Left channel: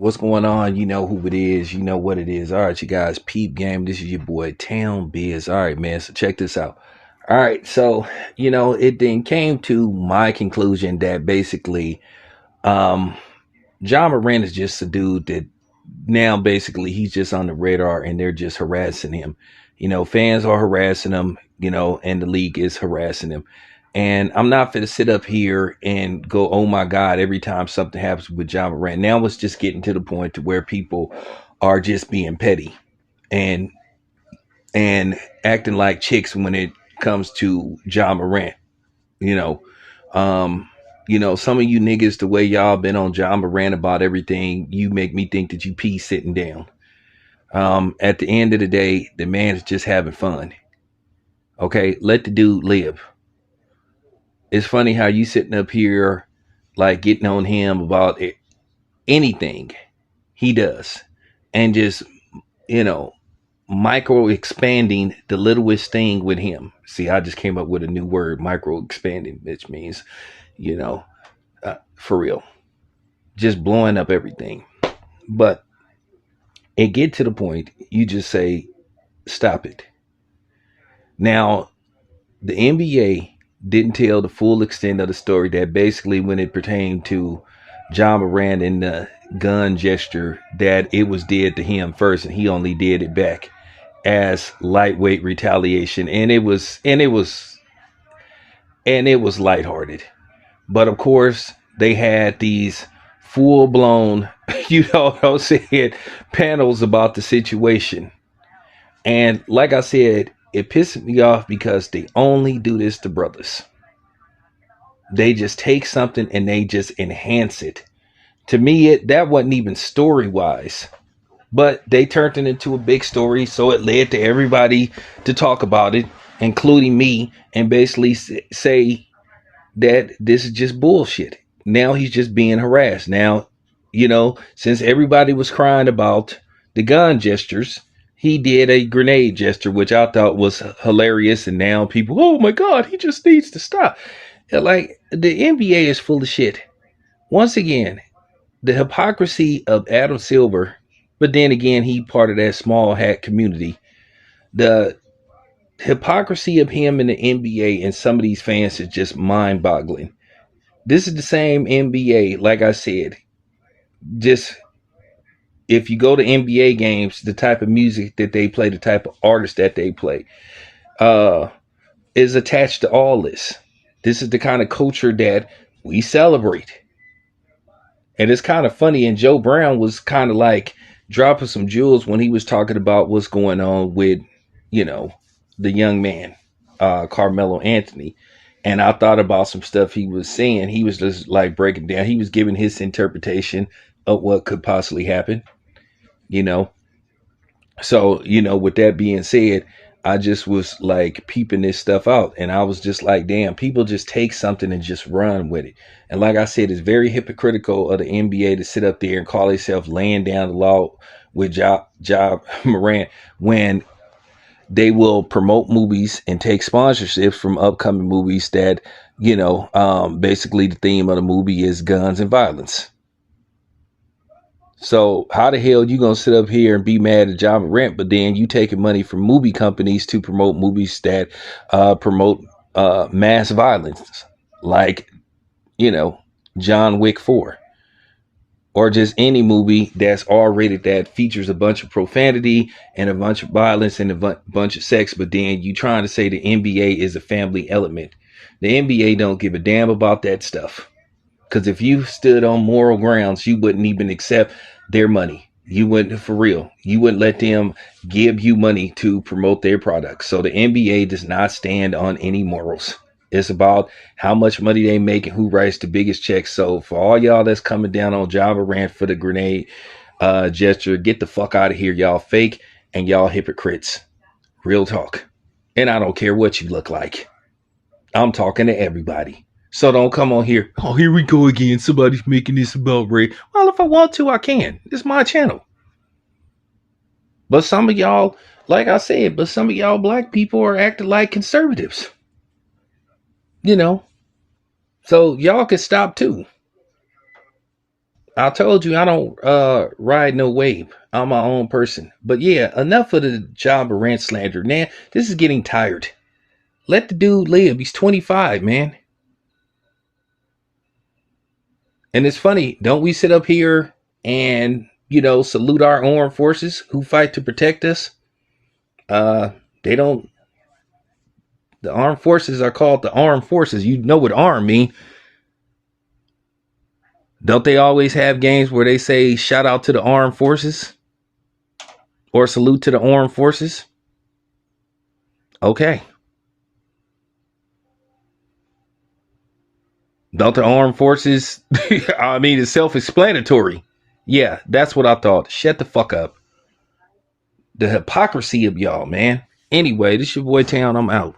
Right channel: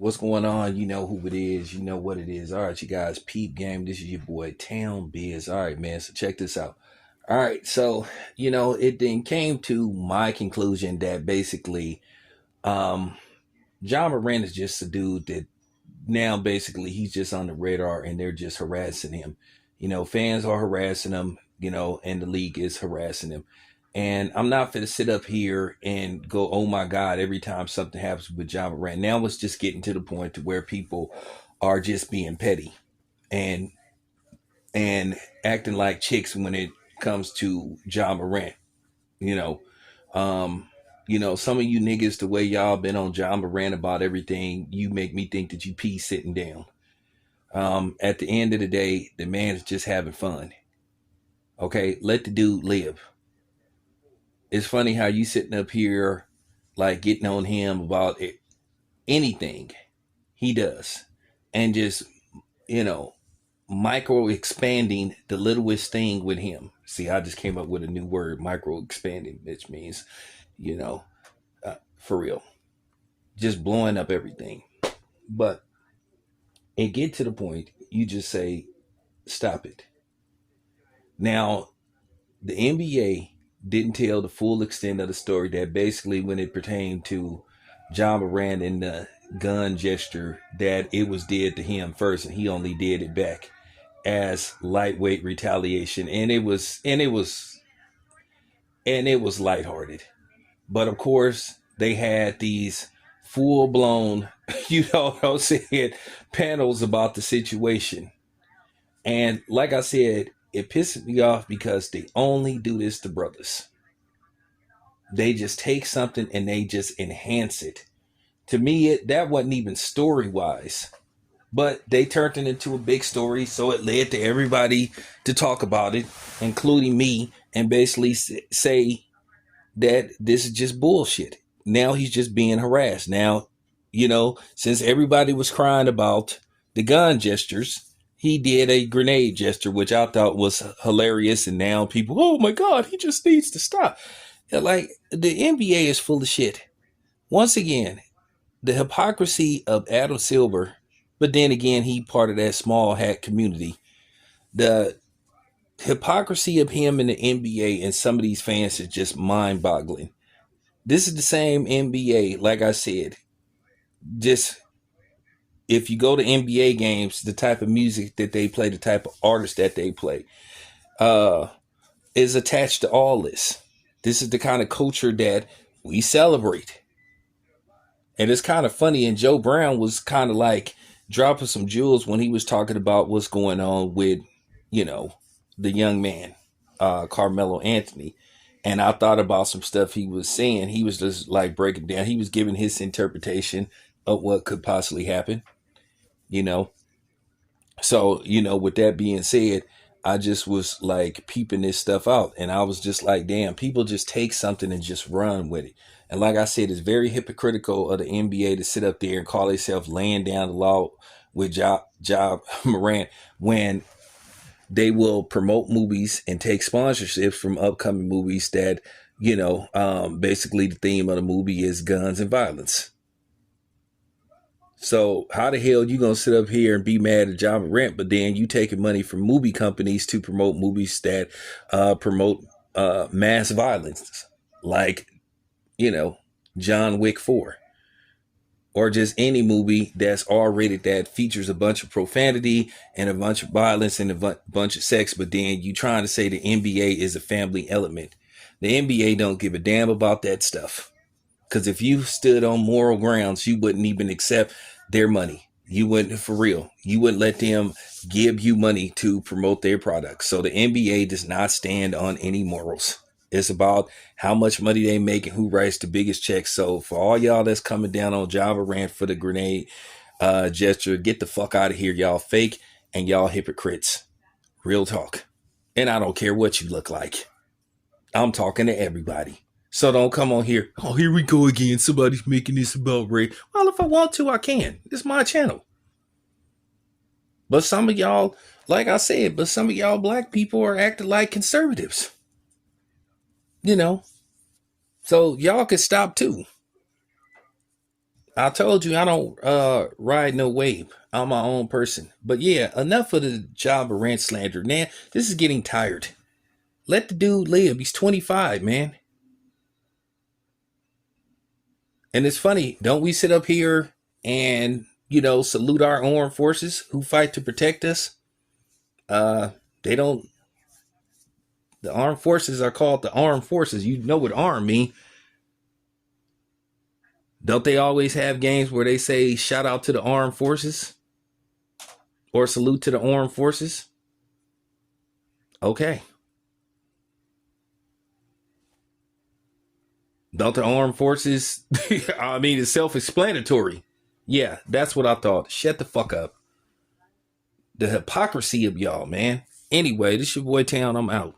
What's going on? You know who it is. You know what it is. All right, you guys, peep game. This is your boy Town Biz. All right, man. So check this out. All right, so it then came to my conclusion that basically, um, John Morant is just a dude that now basically he's just on the radar and they're just harassing him. Fans are harassing him. And the league is harassing him. And I'm not going to sit up here and go, oh my God, every time something happens with John Morant. Now it's just getting to the point to where people are just being petty and and acting like chicks when it comes to John Morant. You know, um, some of you niggas, the way y'all been on John Morant about everything, you make me think that you pee sitting down. At the end of the day, the man is just having fun. Okay, let the dude live. It's funny how you sitting up here like getting on him about anything he does and just, you know, micro expanding the littlest thing with him. See, I just came up with a new word, micro expanding, which means, you know, for real, just blowing up everything. But it get to the point you just say, stop it. Now, the NBA didn't tell the full extent of the story that basically when it pertained to John Morant and the gun gesture that it was did to him first and he only did it back as lightweight retaliation and it was lighthearted. But of course they had these full blown you know what I'm saying panels about the situation. And like I said, it pisses me off because they only do this to brothers. They just take something and they just enhance it. To me, that wasn't even story wise, but they turned it into a big story, so it led to everybody to talk about it, including me, and basically say that this is just bullshit. Now he's just being harassed. Now, since everybody was crying about the gun gestures, he did a grenade gesture, which I thought was hilarious. And now people, oh my God, he just needs to stop. Like, the NBA is full of shit. Once again, the hypocrisy of Adam Silver, but then again, he part of that small hat community. The hypocrisy of him in the NBA and some of these fans is just mind boggling. This is the same NBA, like I said. Just if you go to NBA games, the type of music that they play, the type of artists that they play, uh, is attached to all this. This is the kind of culture that we celebrate. And it's kind of funny. And Joe Brown was kind of like dropping some jewels when he was talking about what's going on with, you know, the young man, Carmelo Anthony. And I thought about some stuff he was saying. He was just like breaking down. He was giving his interpretation of what could possibly happen, you know. So, with that being said, I just was like peeping this stuff out. And I was just like, damn, people just take something and just run with it. And like I said, it's very hypocritical of the NBA to sit up there and call themselves laying down the law with Ja Morant when they will promote movies and take sponsorships from upcoming movies that, basically the theme of the movie is guns and violence. So how the hell you gonna sit up here and be mad at Ja Morant, but then you taking money from movie companies to promote movies that promote mass violence, like John Wick 4, or just any movie that's R-rated that features a bunch of profanity and a bunch of violence and a bunch of sex, but then you trying to say the NBA is a family element. The NBA don't give a damn about that stuff. Because if you stood on moral grounds, you wouldn't even accept their money. You wouldn't, for real. You wouldn't let them give you money to promote their products. So the NBA does not stand on any morals. It's about how much money they make and who writes the biggest checks. So for all y'all that's coming down on Ja Morant for the grenade gesture, get the fuck out of here, y'all fake and y'all hypocrites. Real talk. And I don't care what you look like. I'm talking to everybody. So don't come on here. Oh, here we go again. Somebody's making this about Ray. Well, if I want to, I can. It's my channel. But some of y'all, like I said, but some of y'all black people are acting like conservatives. So y'all can stop too. I told you I don't ride no wave. I'm my own person. But yeah, enough of the Ja Morant slander. Man, this is getting tired. Let the dude live. He's 25, man. And it's funny, don't we sit up here and, salute our armed forces who fight to protect us? They don't. The armed forces are called the armed forces. You know what arm mean. Don't they always have games where they say shout out to the armed forces or salute to the armed forces? Okay. Don't the armed forces? I mean, it's self-explanatory. Yeah, that's what I thought. Shut the fuck up. The hypocrisy of y'all, man. Anyway, this your boy Town. I'm out.